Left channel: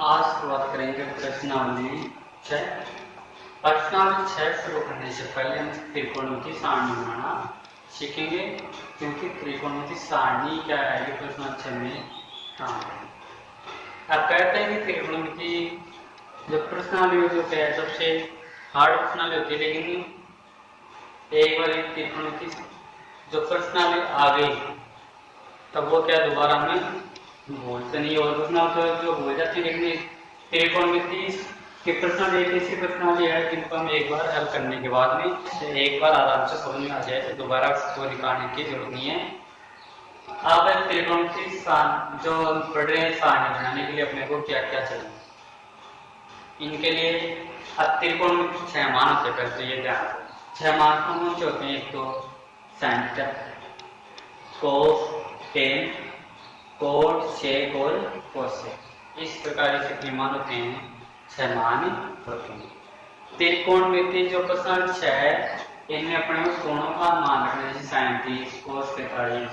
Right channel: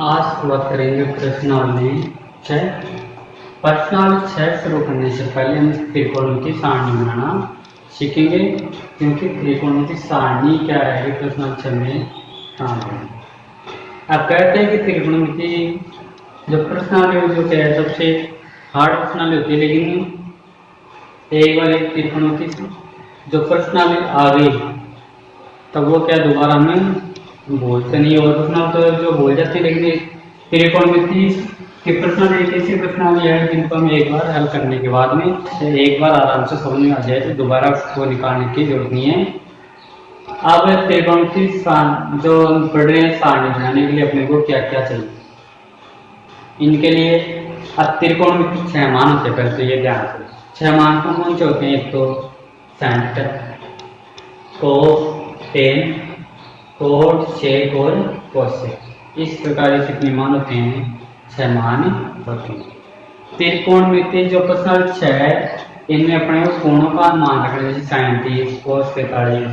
आज बात करेंगे प्रश्नावली 6। प्रश्नावली 6 शुरू करने से पहले हम त्रिकोणमिति सारणी बनाना सीखेंगे, क्योंकि त्रिकोणमिति सारणी क्या है प्रश्नावली 6 में काम करेंगे। अब कहते हैं कि त्रिकोणमिति जो प्रश्नावली जो क्या है सबसे हार्ड प्रश्नावली होती है, लेकिन एक बार एक त्रिकोणमिति जो प्रश्नावली आ गई तब वो क्या दोबारा हमें बोलते नहीं, और प्रश्न तो जो बोल जाते हैं, लेकिन त्रिकोणमिति की प्रश्न एक ऐसी प्रश्नावली है जिनको हम एक बार हल करने के बाद में एक बार आराम से समझ में आ जाए तो दोबारा उसको निकालने की जरूरत नहीं है। अब त्रिकोणमिति जो हम पढ़ रहे हैं सारणी बनाने के लिए अपने को क्या क्या चाहिए, इनके लिए अब त्रिकोणमिति 6 मान होते हैं। पहले तो ये ध्यान रखो 6 मान कौन से होते हैं। एक तो sin theta, cos, tan, cot, sec और cosec, इस प्रकार के कितने मान होते हैं 6 मान होते हैं। त्रिकोणमिति जो प्रश्नावली 6 है इनमें अपने कोणों का मान रखना है, जैसे sin 30, cos 45।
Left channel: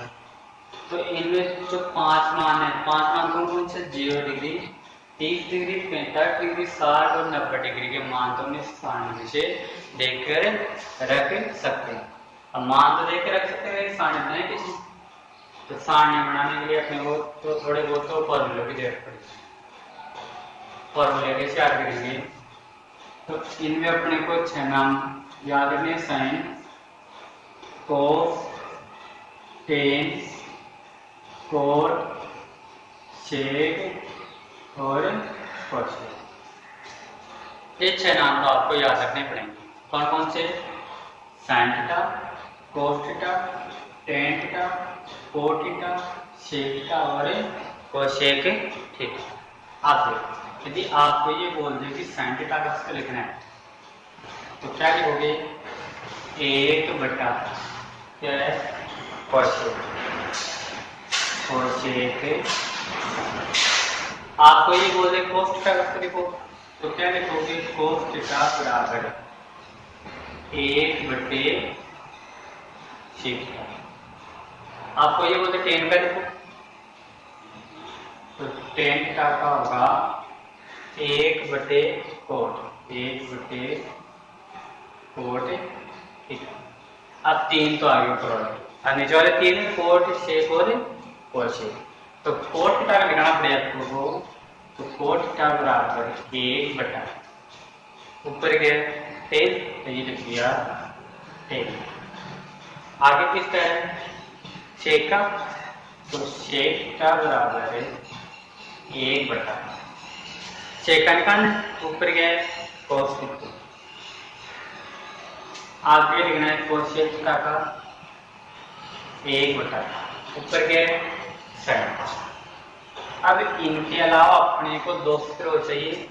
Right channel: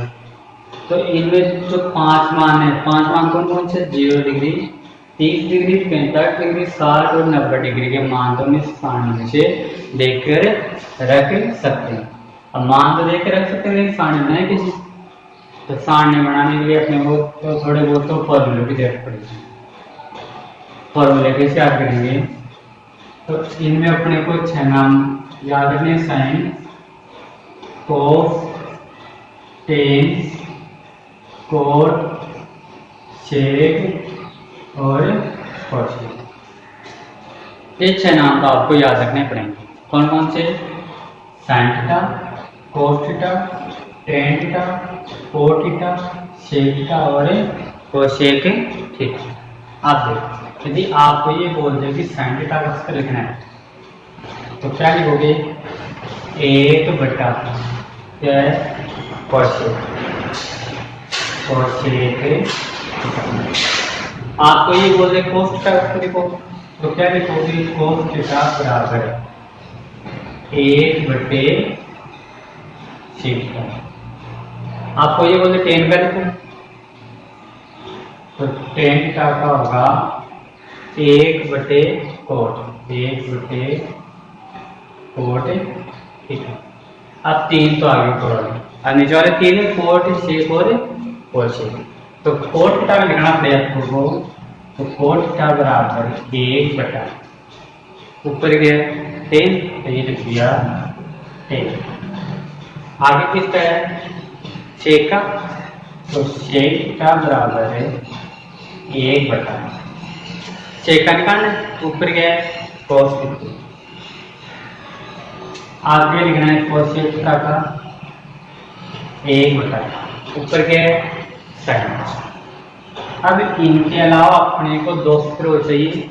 तो इनमें जो 5 मान है, 5 मान कौन से 0 डिग्री, 30 डिग्री, 45 डिग्री, 60 और 90 डिग्री के मान तो हम इस सारणी में से देखकर रख सकते हैं। अब मान तो देख रख सकते हैं, लेकिन सारणी बनाए किसी तो सारणी बनाने के लिए अपने को तो थोड़े बहुत तो फॉर्मूले की जरूरत पड़ेगी। फॉर्मूले कैसे याद करेंगे, तो इनमें अपने को 6 नाम याद रखने, साइन, कोस, टेन, कोट, सेक और कोसेक। ये 6 नाम तो आपको याद रखने पड़ेंगे। कौन कौन से, sine theta, cos theta, tan theta, cot theta, sec theta और कोसेक थीटा। आप देखो यदि आपको ये बोल दे कि साइन थीटा का स्क्वायर लिखना है तो क्या लिखोगे, 1 बटा क्या है कोसेक। आपको ये बोल दे कोस थीटा का स्क्वायर लिखो तो क्या लिखोगे, कोस थीटा बराबर 1 बटे सेक थीटा। आपको ये बोलते टेन का लिखो तो टेन थीटा का होगा 1 बटे कोट, 1 बटे कोट थीटा। अब 3 तो आगे पढ़ोगे, अब नीचे वाले 3 है कोट, सेक और कोसेक। तो कोट थीटा लिखना पड़ेगा आपको, तो कोट थीटा बराबर 1 बटा ऊपर गया 10 तो ये लिख दिया 10। आगे किसका है सेक का, तो सेक का बराबर है 1 बटा सेक का निकालना ऊपर गया है कोस। आगे लिखना है कोसेक का 1 बटा ऊपर गया है साइन। अब इनके अलावा अपने को 2 सूत्र चाहिए,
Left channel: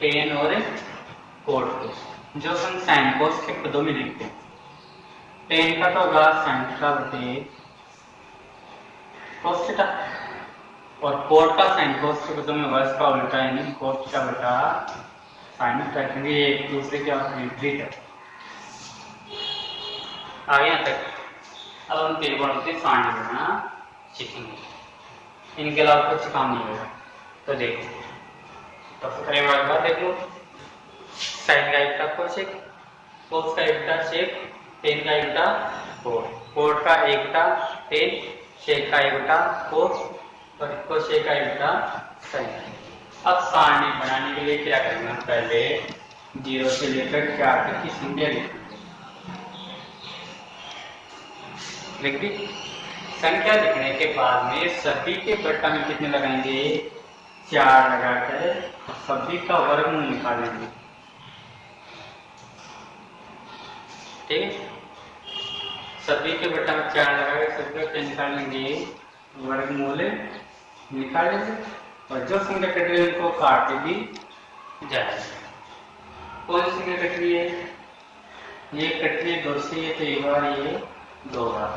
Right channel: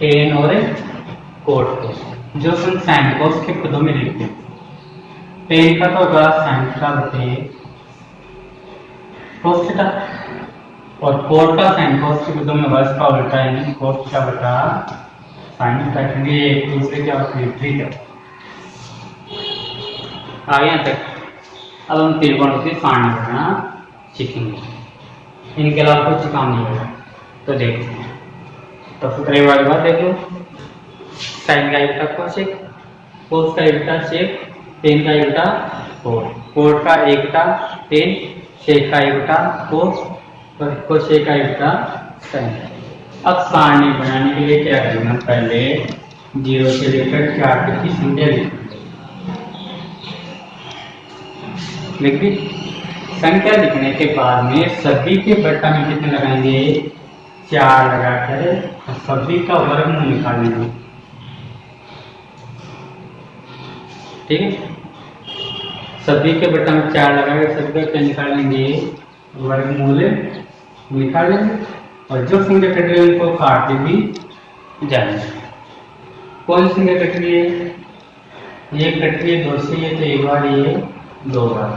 टेन और कोट को, जो हम साइन कोस के पदों में लिखते हैं। टेन का तो होगा साइन थीटा बटे कोस थीटा, और कोट का साइन कोस के पदों में होगा इसका उल्टा, यानी कोस थीटा बटा साइन थीटा, क्योंकि एक दूसरे के विपरीत है। आगे यहाँ तक अब हम त्रिकोणमिति सारणी बनाना सीखेंगे। इनके अलावा कुछ काम नहीं होगा। तो देखो तो सूत्र वाली बात देख लो, साइन का उल्टा कोसेक, कोस का उल्टा सेक, टेन का उल्टा कोट, कोट का 1 बटा टेन, सेक का 1 बटा कोस और कोसेक का 1 बटा साइन। अब सारणी बनाने के लिए क्या करना, पहले 0 से लेकर 4 तक की संख्या लिख दी। संख्या लिखने के बाद में सभी के बट्टा में कितने लगाएंगे, 4 लगाकर सभी का वर्गमूल निकालेंगे। ठीक है, सभी के बट्टा में 4 लगाकर सभी का क्या निकाल लेंगे, वर्गमूल निकाल लेंगे, और जो संख्या कट रही है उनको काटते भी जाएंगे। कौन सी संख्या कट रही है, ये कट रही है 2 से, ये तो 1 बार, ये 2 बार।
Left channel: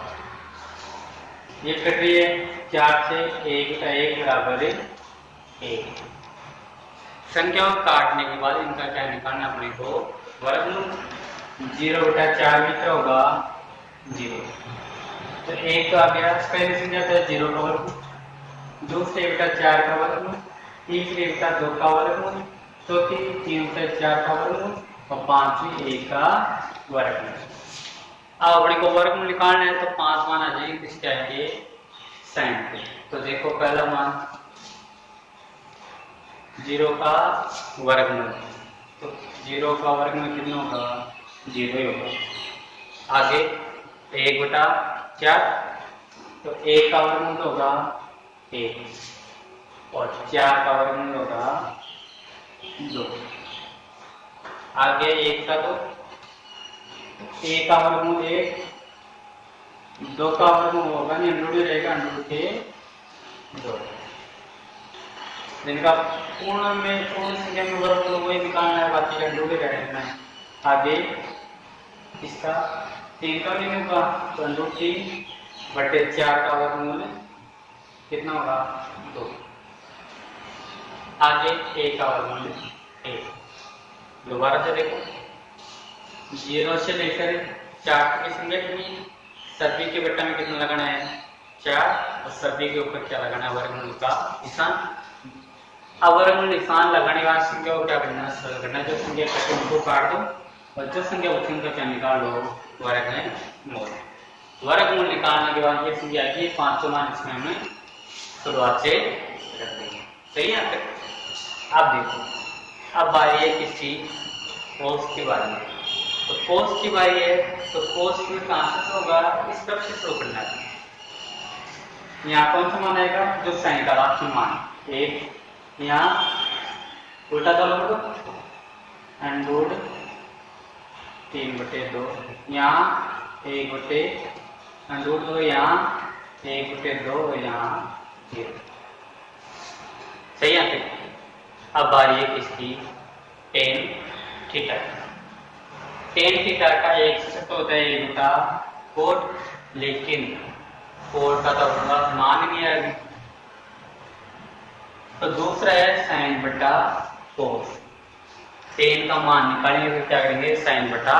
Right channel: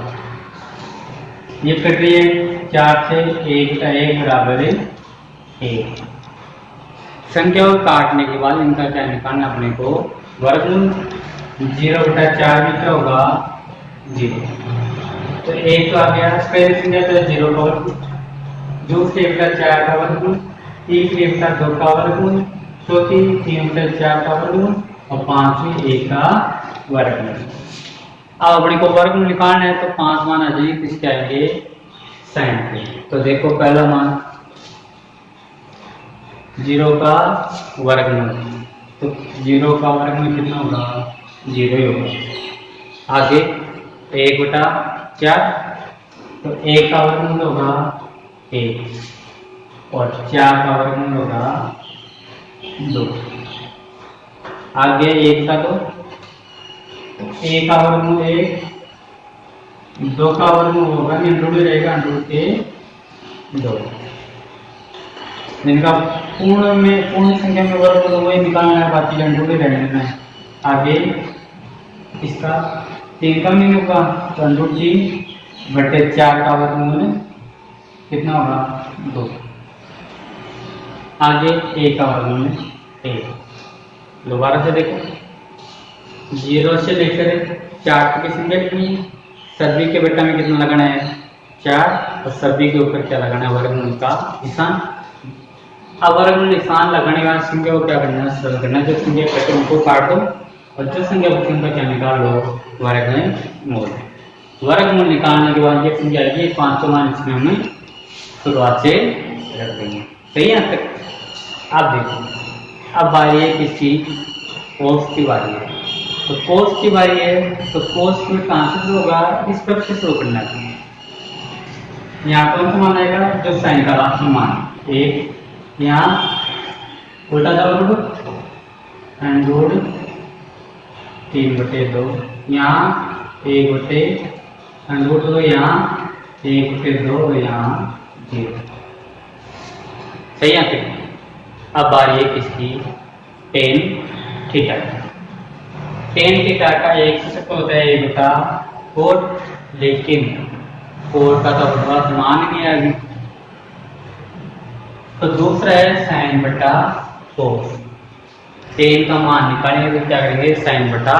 ये कट रही है 4 से, 1 का 1 बराबर है 1। संख्या को काटने के बाद इनका क्या निकालना अपने को, वर्गमूल। 0 बटा 4 भी क्या होगा 0, तो 1 तो आ गया। पहले संख्या तो 0 का वर्गमूल, दूसरे बटा 4 का वर्गमूल, एक 2 का वर्गमूल, चौथी 3 बटे 4 का वर्गमूल और पांचवी 1 का वर्गमूल। अब अपने को वर्गमूल निकालना है तो 5 मान आ जाएंगे, किसके आएंगे, साइन के। तो देखो पहला मान 0 का वर्गमूल, तो 0 का वर्गमूल कितना होगा, 0 ही होगा। आगे 1 बटा 4, तो 1 का वर्गमूल होगा 1 और 4 का वर्गमूल होगा 2। आगे 1 का 2, 1 का वर्गमूल 1, 2 का वर्गमूल होगा अंडर रहेगा अंडर के 2। जिनका पूर्ण संख्या में वर्गमूल वही निकालना है, बाकी अंडर रहने में। आगे इसका 3 का नहीं होगा तो अंडर 3 बटे 4 का वर्गमूल कितना होगा, 2। आगे 1 का वर्गमूल 1। दोबारा से देखो, 0 से लेकर 4 तक की संख्या कितनी है, सभी के बेटा में कितना लगाना है, 4, और सभी के ऊपर क्या लगाना है, वर्गमूल का निशान। अब वर्गमूल निशान लगाने के बाद संख्या को क्या करना है, सरल करना है। जो संख्या कटे उनको काट दो और जो संख्या बची उनका क्या निकालो, वर्गमूल। वर्गमूल निकालने के बाद ये संख्या आएगी 500 मान, इसमें हमें शुरुआत से रख देंगे। सही है तक। अब देखो, अब बारी है किसकी, कोस की बारी है। तो कोस की बारी है तो कोस में कहां से शुरू होगा, इस पक्ष से शुरू करना है। यहाँ कौन सा मान आएगा, जो साइन का लास्ट मान 1, यहाँ उल्टा दबाव एंड रूट 3 बटे 2, यहाँ 1 बटे एंड रूट 2, यहाँ 1 बटे 2, यहाँ 0। सही है। अब बारी है किसकी, टेन थीटा। टेन थीटा का एक सूत्र होता है 1 बटा 4, लेकिन 4 का तो बहुत मान नहीं आएगी। तो दूसरा है साइन बटा कोस। टेन का मान निकालेंगे तो क्या करेंगे, साइन बटा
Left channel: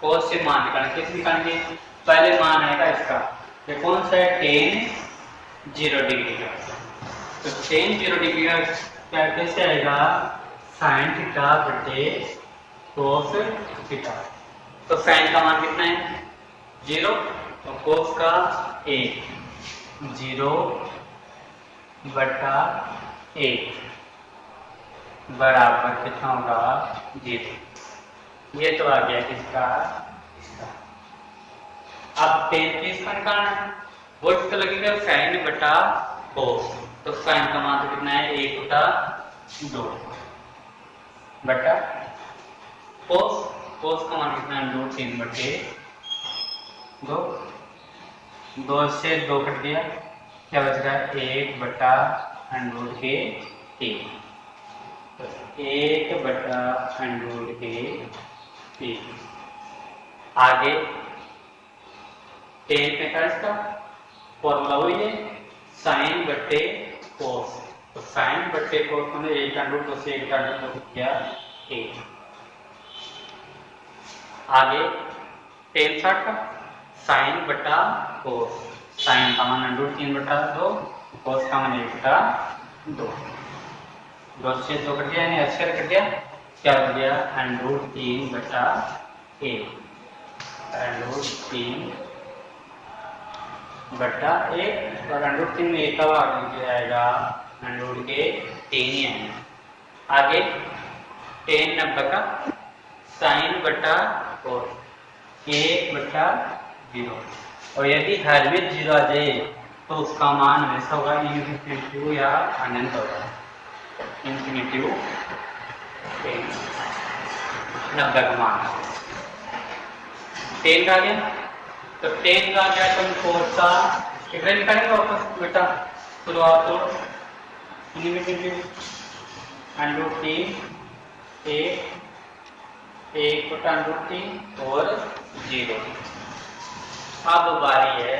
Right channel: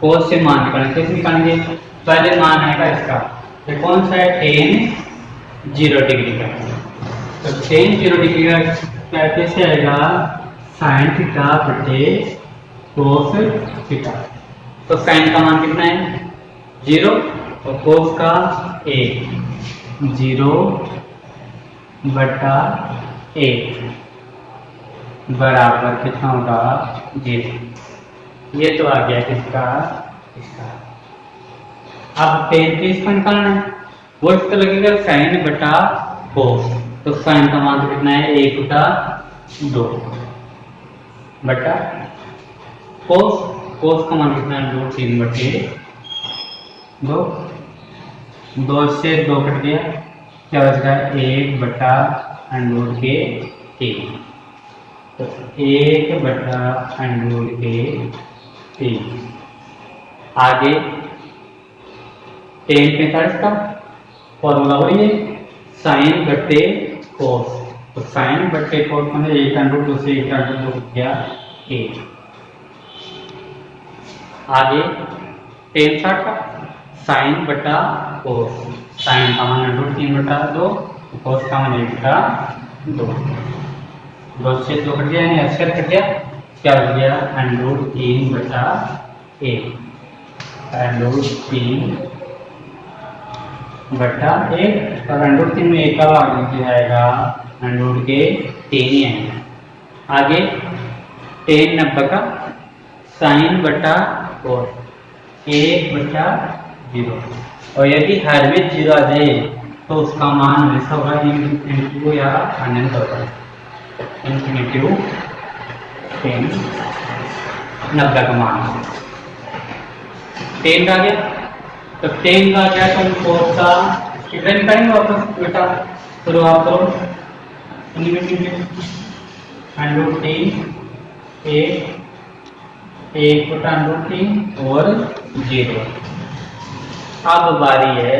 कोस से मान निकालेंगे। कैसे निकालेंगे, पहले मान आएगा इसका, ये कौन सा है, टेन 0 डिग्री का। तो टेन 0 डिग्री का कैसे आएगा, साइन थीटा बटे कोस थीटा। तो साइन का मान कितना है, 0 और कोस का 1, 0 बटा 1 बराबर कितना होगा, 0। ये तो आ गया किसका, इसका। अब टेन पीस का निकालना है, वो इसका लगेगा साइन बटा कोस। तो साइन का मान कितना है, 1 बटा 2 बटा कोस का मान कितना है, 3 बटे 2। 2 से 2 कट गया, क्या बच गया, 1 बटा अंडर के 3। तो 1 बटा अंडर के 3। आगे 10 का फॉर्मूला वही है, साइन बटे कोस। तो साइन बटे कोस में 1 अंडर 2 से 1 अंडर 2 गया 1। आगे 10 का साइन बटा कोस। साइन का मान अंडर 3 बटा 2, कोस का मान 1 बटा 2। 2 से 2 कट गया, यानी अक्षर कट गया, क्या हो गया, अंडर 3 बटा 1। अंडर 3 बटा 1 और अंडर 3 में 1 का भाग निकल जाएगा, अंडर के 3 ही आएगा। आगे 10 90 का साइन बटा कोस, 1 बटा 0। और यदि हर में 0 आ जाए तो उसका मान हमेशा होगा इनटू या अनंत होगा, इन्फिनिटिव 10 90 का मान 10 का गया। तो 10 का क्या, तो कोस का कितना निकालेंगे वापस बेटा, शुरुआत करो अंडर 3 1 बटा अंडर 3 और 0। अब बारी है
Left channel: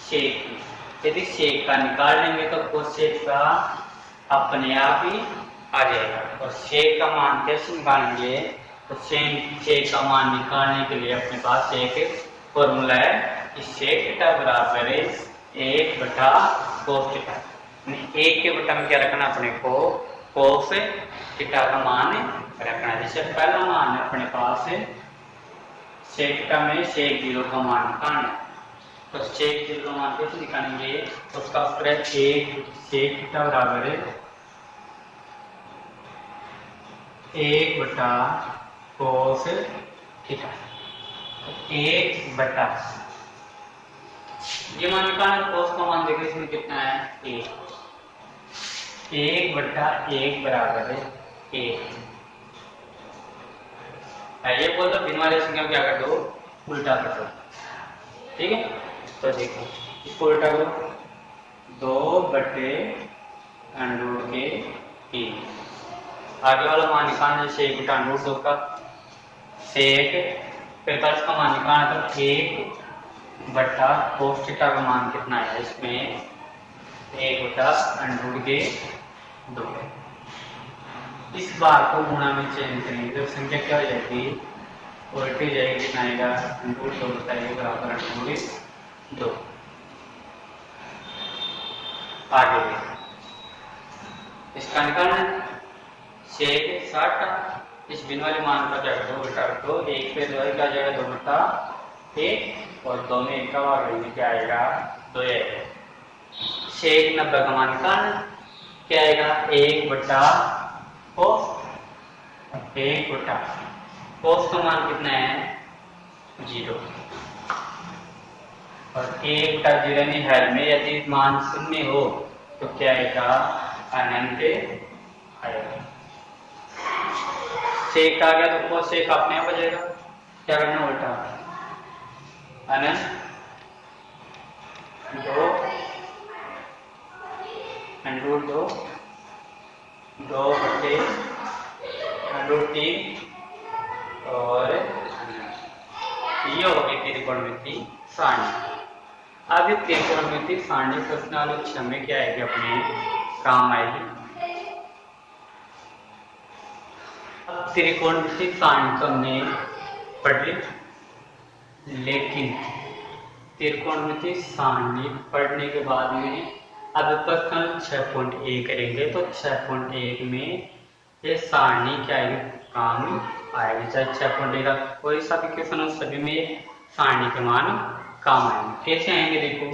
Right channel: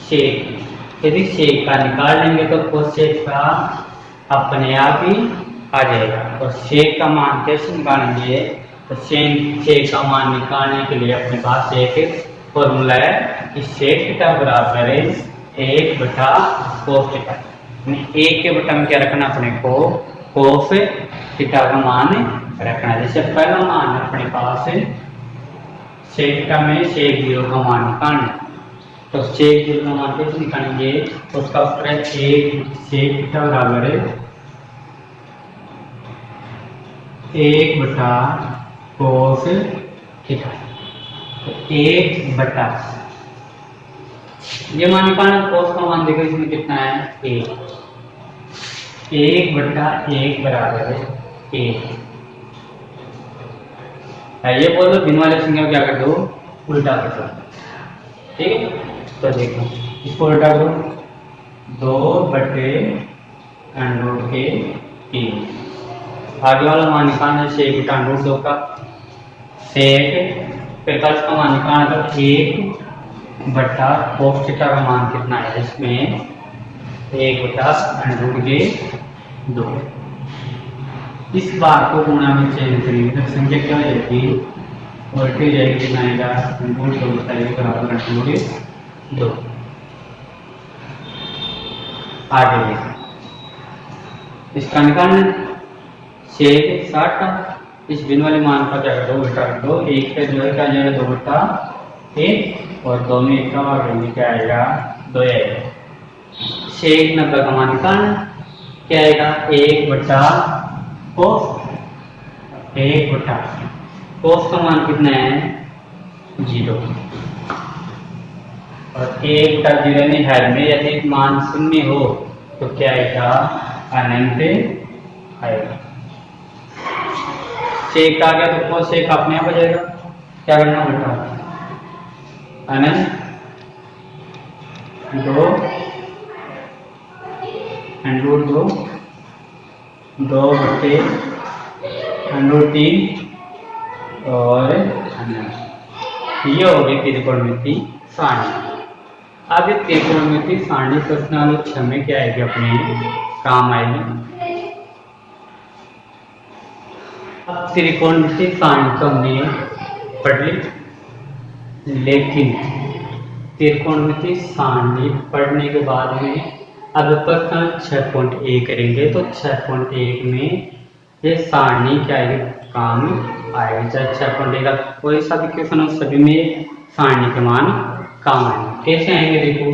शेक। यदि शेक का निकाल लेंगे तो कोस शेक का अपने आप ही आ जाएगा। और शेक का मान कैसे निकालेंगे, तो शेक का मान निकालने के लिए अपने पास एक फॉर्मूला है कि शेक थीटा बराबर है 1 बटा कोस थीटा। एक के बटन में क्या रखना अपने को कोस थीटा का मान रखना। जैसे पहला मान अपने पास है सेक थीटा में सेक 0 का मान निकालना, तो सेक 0 का मान कैसे निकालेंगे, तो उसका उत्तर है एक सेक थीटा बराबर है 1 बटा कोस थीटा। तो 1 बटा ये मान निकालना, कोस का मान देखो इसमें कितना है 1 बटा 1 बराबर है 1। ये बोल दो भिन्न वाले संख्या को क्या कर दो उल्टा कर दो, ठीक है। तो देखो इसको उल्टा करो 2 बटे अंडर के 3। आगे वाला मान निकालना है सेक बटा अंडर 2 का सेक 45 का मान निकालना, तो 1 बटा कोस थीटा का मान कितना है इसमें 1 बटा अंडर के 2। इस बार को गुणा में चेंज करेंगे तो संख्या क्या हो जाएगी उल्टी हो जाएगी, कितना आएगा अंडर 2 बटा 1 बराबर अंडर के 2। आगे इसका निकालना सेक 60 का इस भिन्न वाले मान का क्या कर दो उल्टा कर दो, 1 पे जो है क्या जाएगा 2 बटा 1 और 2 में 1 का भाग करेंगे क्या आएगा 2 आएगा। सेक 90 का मान निकालना क्या आएगा 1 बटा कोस 1 बटा कोस का मान कितना है 0 और 1 बटा 0 में हर में यदि मान शून्य हो तो क्या आएगा अनंत आएगा। सेक आ गया तो कोस सेक अपने आप हो जाएगा, क्या करना उल्टा अनंत 2 अंडर 2 बटे अंडर 3 और ये हो गई त्रिकोणमिति सारणी। अब ये त्रिकोणमिति सारणी प्रश्न वाले 6 में क्या आएगी अपने काम आएगी। अब त्रिकोणमिति सारणी तो हमने पढ़ ली, लेकिन त्रिकोणमिति सारणी पढ़ने के बाद में अब प्रश्न 6.1 करेंगे। तो 6.1 में ये सारणी क्या आएगी काम आएगी, चाहे 6.1 का कोई सा भी क्वेश्चन हो सभी में सारणी के मान काम आएंगे। कैसे आएंगे देखो,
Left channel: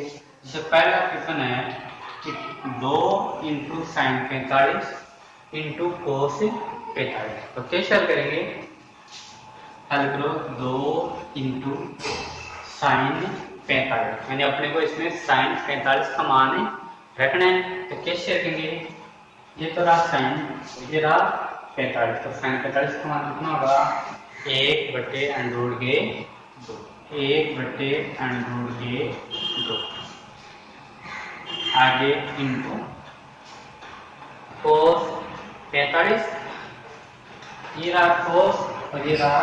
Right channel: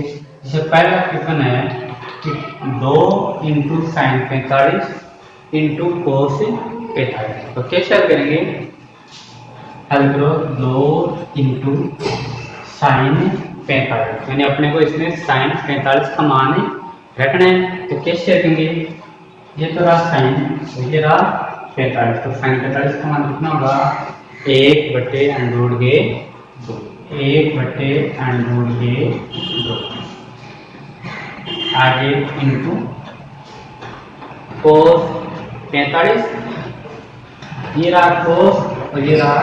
जैसे पहला क्वेश्चन है कि 2 इंटू साइन 45 इंटू कोस 45, तो कैसे हल करेंगे, हल करो 2 इंटू साइन 45, यानी अपने को इसमें साइन 45 का मान रखना है। तो कैसे रखेंगे, ये तो रहा साइन और ये रहा 45, तो साइन 45 का मान कितना होगा 1 बटे अंडर के 2, 1 बटे अंडर के 2। आगे इंटू कोस 45, ये रहा कोस और ये रहा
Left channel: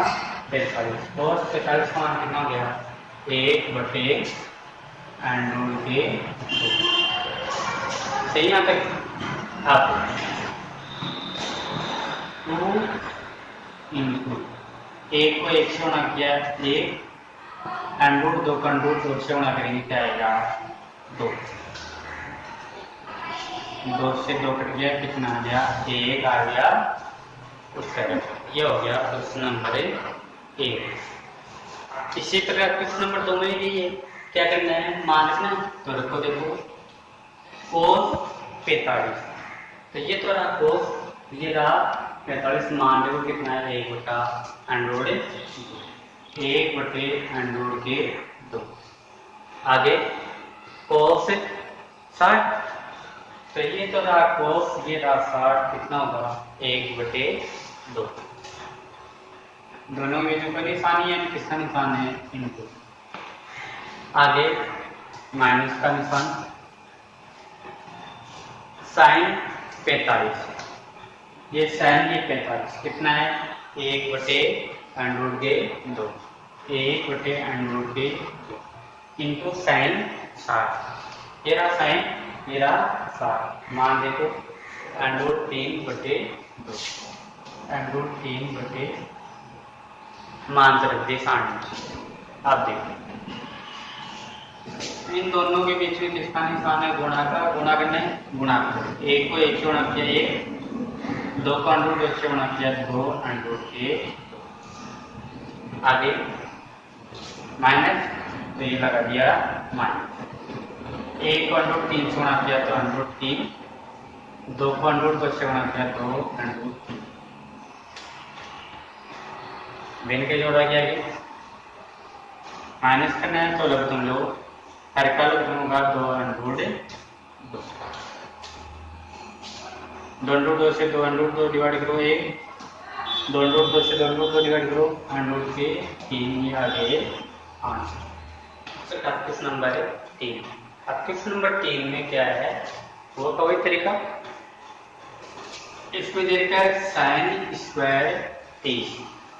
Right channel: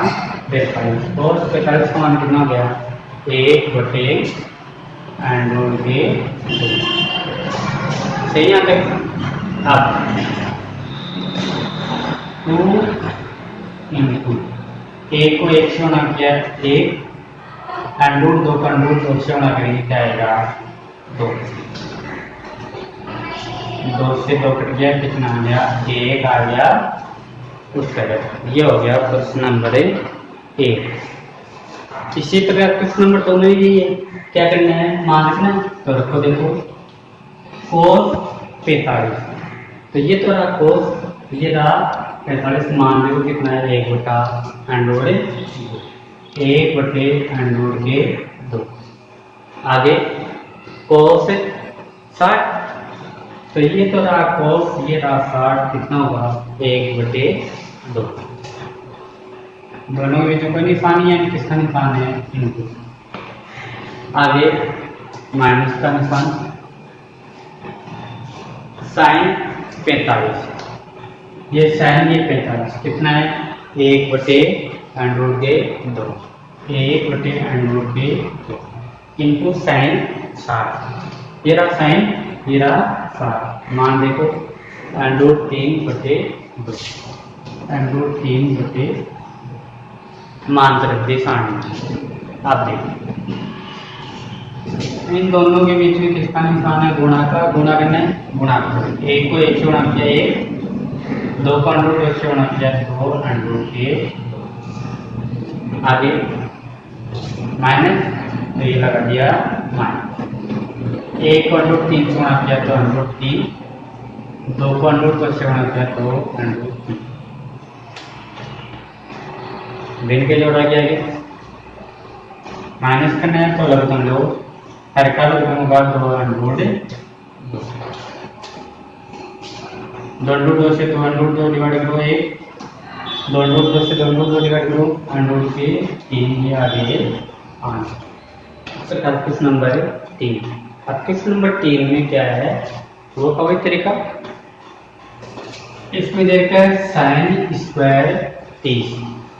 45, कोस 45 का मान कितना हो गया 1 बटे अंडर के 2। सही यहाँ तक। अब 2 इंटू 1 को 1 से गुणा किया 1, अंडर 2 का अंडर 2 से गुणा करेंगे क्या आएगा 2, 2 से 2 कट गया कितना आ गया 1 आ गया उत्तर। ये हो गया प्रश्न नंबर 1। इसी तरह प्रश्न नंबर 2 में भी क्या करना है मान रखना है, तो रखो देखो कोस 45, तो ये तो रहा कोस, ये रहा 45, मान लो कितना है 1 बटा अंडर 1 बटे अंडर के 2। आगे कोस 60, तो ये तो रहा कोस, ये रहा 60, कितना होगा 1 बटे 2। दोनों में जो कोई निशानी है किसका निशान है इनटू। आगे माइनस का निशान, साइन 45, ये साइन ये 45 कितना है 1 बटे अंडर के 2, 1 बटे अंडर के 2 इंटू साइन 60, ये रहा साइन ये रहा 60, मान देखो अंडर 3 बटे 2, अंडर 3 बटे मान तरफ दे सारणी। आप देखो इसमें इन दोनों के बीच में किसका निशान है? गुणा का। गुणा करना है, गुणा करो। एक को एक से गुणा किया एक, दो को अंडर रूट एक से गुणा किया दो, अंडर रूट के आगे माइनस, तो ये लगा दिया माइनस। एक को अंडर रूट तीन से गुणा किया तो अंडर रूट तीन, दो को अंडर रूट को से गुणा किया तो अंडर रूट तीन। भिन्न के जोड़ा गया ये माइनस करना है तो लघुत्तम लो, हर का लघुत्तम होगा दो अंडर रूट दो। दो अंडर रूट दो से दो अंडर रूट दो डिवाइड करो एक, दो अंडर रूट दो से दो अंडर रूट दो डिवाइड करो अंडर रूट के तीन, ये आ गए आंसर। अब क्वेश्चन नंबर 3। अब क्वेश्चन नंबर 3 में क्या है वो का वही तरीका, इसमें दे रखा है साइन स्क्वायर 30।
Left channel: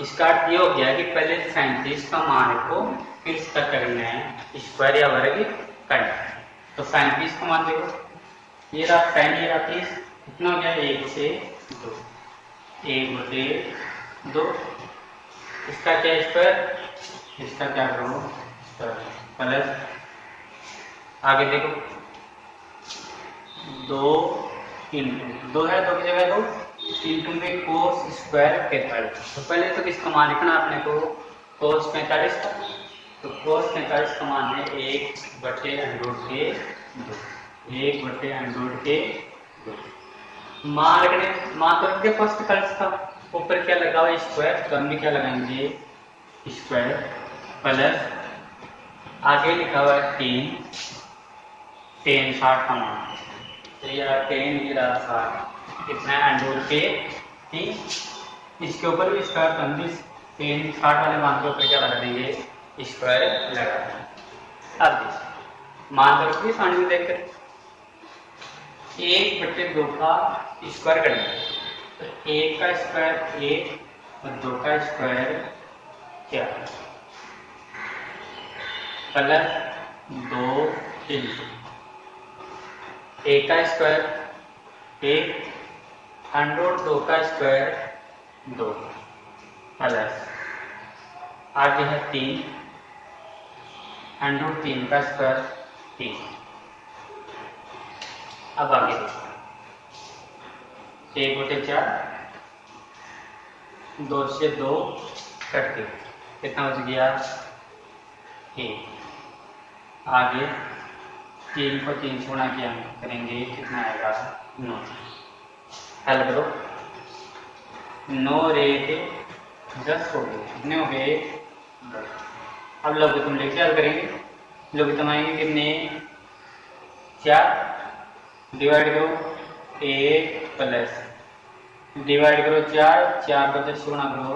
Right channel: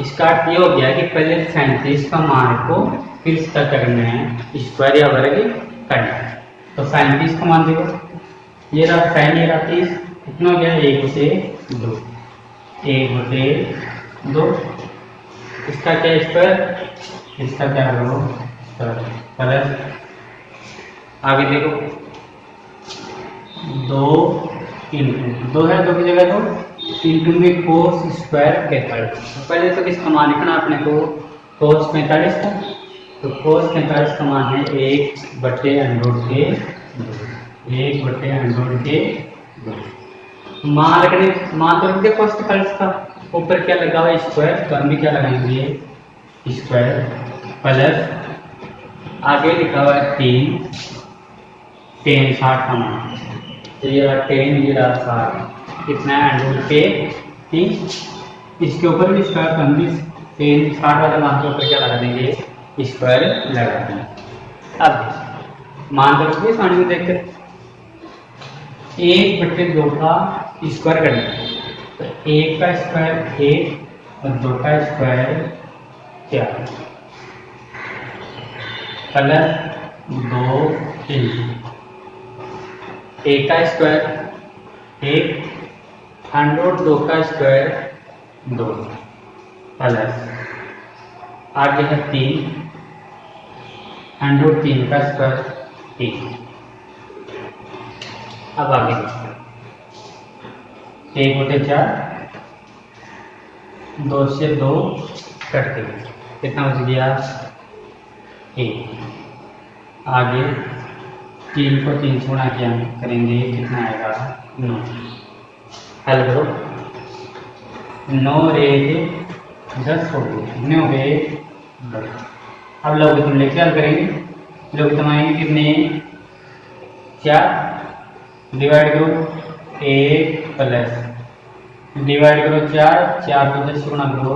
इसका अर्थ ये हो गया कि पहले साइन 30 का मान को फिर इसका क्या करना है, स्क्वायर या वर्ग करना है। तो साइन 30 का मान देखो, ये रहा साइन, ये रहा 30, कितना हो गया 1 से 2, 1 बटे 2। इसका क्या स्क्वायर, इसका क्या करो प्लस, आगे देखो 2 इंटू 2 है, 2 की जगह तो इंटू में कोस स्क्वायर 45। तो पहले तो किसका मान लिखना अपने को, कोस 45 का। तो कोस 45 का मान है 1 बटे अंडर रूट के 2, 1 बटे अंडर रूट के 2। मान रखने, मान तो रख दिया कोस 45 का, ऊपर क्या लगा हुआ स्क्वायर, तो हम भी क्या लगाएंगे स्क्वायर, प्लस आगे लिखा हुआ है 3, 60 का मान, तो ये रहा 10, ये रहा 60, कितना है अंडर रूट के 3। इसके ऊपर भी स्क्वायर, तो हम भी 10 60 वाले मान के ऊपर क्या लगा देंगे स्क्वायर लगा देंगे। अब मान तो रखिए सामने में देखकर 1 बटे 2 का स्क्वायर करना है, तो 1 का स्क्वायर 1 और 2 का स्क्वायर क्या, प्लस 2 इंटू 1 का स्क्वायर 1, अंडर रूट 2 का स्क्वायर 2, प्लस आगे है 3, अंडर रूट 3 का स्क्वायर 3। अब आगे 1 बटे 4, 2 से 2 कट के कितना बच गया 1। आगे 3 को 3 से गुणा किया करेंगे, कितना आएगा 9। हल करो, 9 रेख 10 हो गए, 9 गए 10। अब लघुत्तम लेके हल करेंगे, लघुत्तम आएंगे कितने 4, डिवाइड करो 1 प्लस डिवाइड करो 4, 4 को 10 से गुणा करो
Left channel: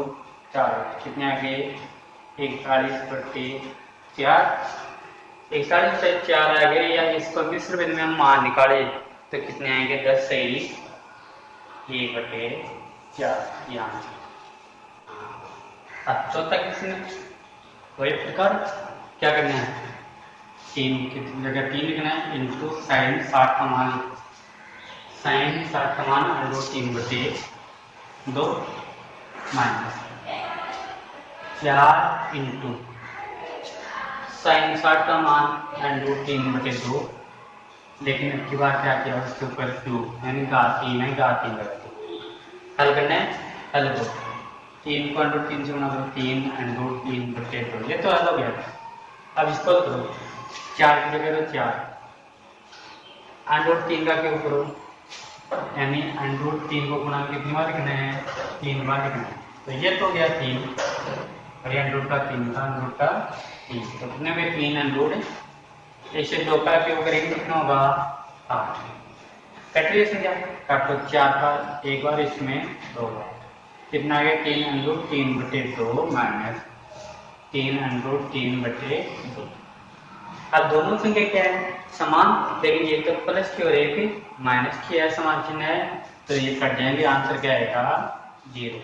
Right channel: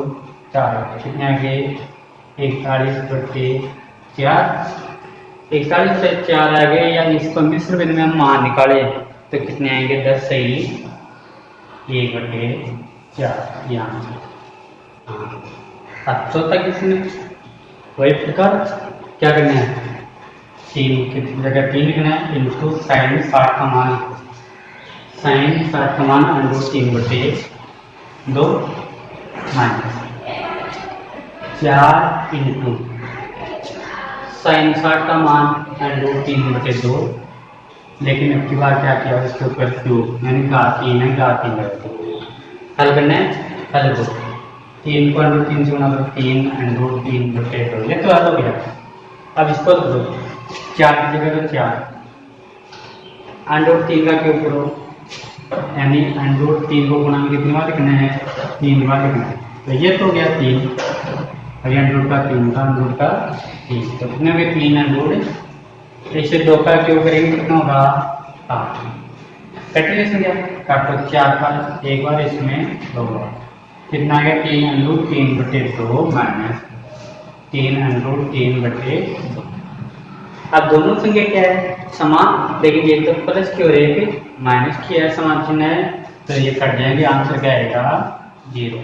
4, कितने आ गए 41 बटे 4। 41 से 4 आ गए, या इसको मिश्र बिंदु में हम मान निकाले तो कितने आएंगे 10 सही 1 बटे 4 यहाँ। अब चौथा किसने वही प्रकार क्या करना है, 3 की जगह 3 लिखना है, इंटू साइन 60 का मान, साइन 60 का मान अंडर रूट 3 बटे 2 माइनस 4 इंटू साइन 60 का मान अंडर रूट 3 बटे 2, लेकिन अब की बार क्या किया उसके ऊपर क्यूब, यानी घात 3 है, घात 3 लगती। हल करना है, हल करो 3 को अंडर रूट 3 से गुणा करो 3 अंडर रूट 3 बटे 2, ये तो हल हो गया। अब इसको करो 4 की जगह तो 4, अंडर रूट 3 का क्यूब करो, यानी अंडर रूट 3 को गुणा में कितनी बार लिखना है 3 बार लिखना है, तो ये तो हो गया 3, और ये अंडर रूट का 3 का अंडर रूट का 3, तो कितने हो गए 3 अंडर रूट, इससे 2 का क्यूब करेंगे कितना होगा 8। कैटेगरी क्या काटो 4 का एक बार, इसमें 2 बार, कितना आ गया 3 अंडर रूट 3 बटे 2 माइनस 3 अंडर रूट 3 बटे 2। अब दोनों संख्या क्या है समान, लेकिन ये तो प्लस की और एक माइनस की है, समान चिन्ह है, तो ये कट जाएंगे, आंसर क्या आएगा 0।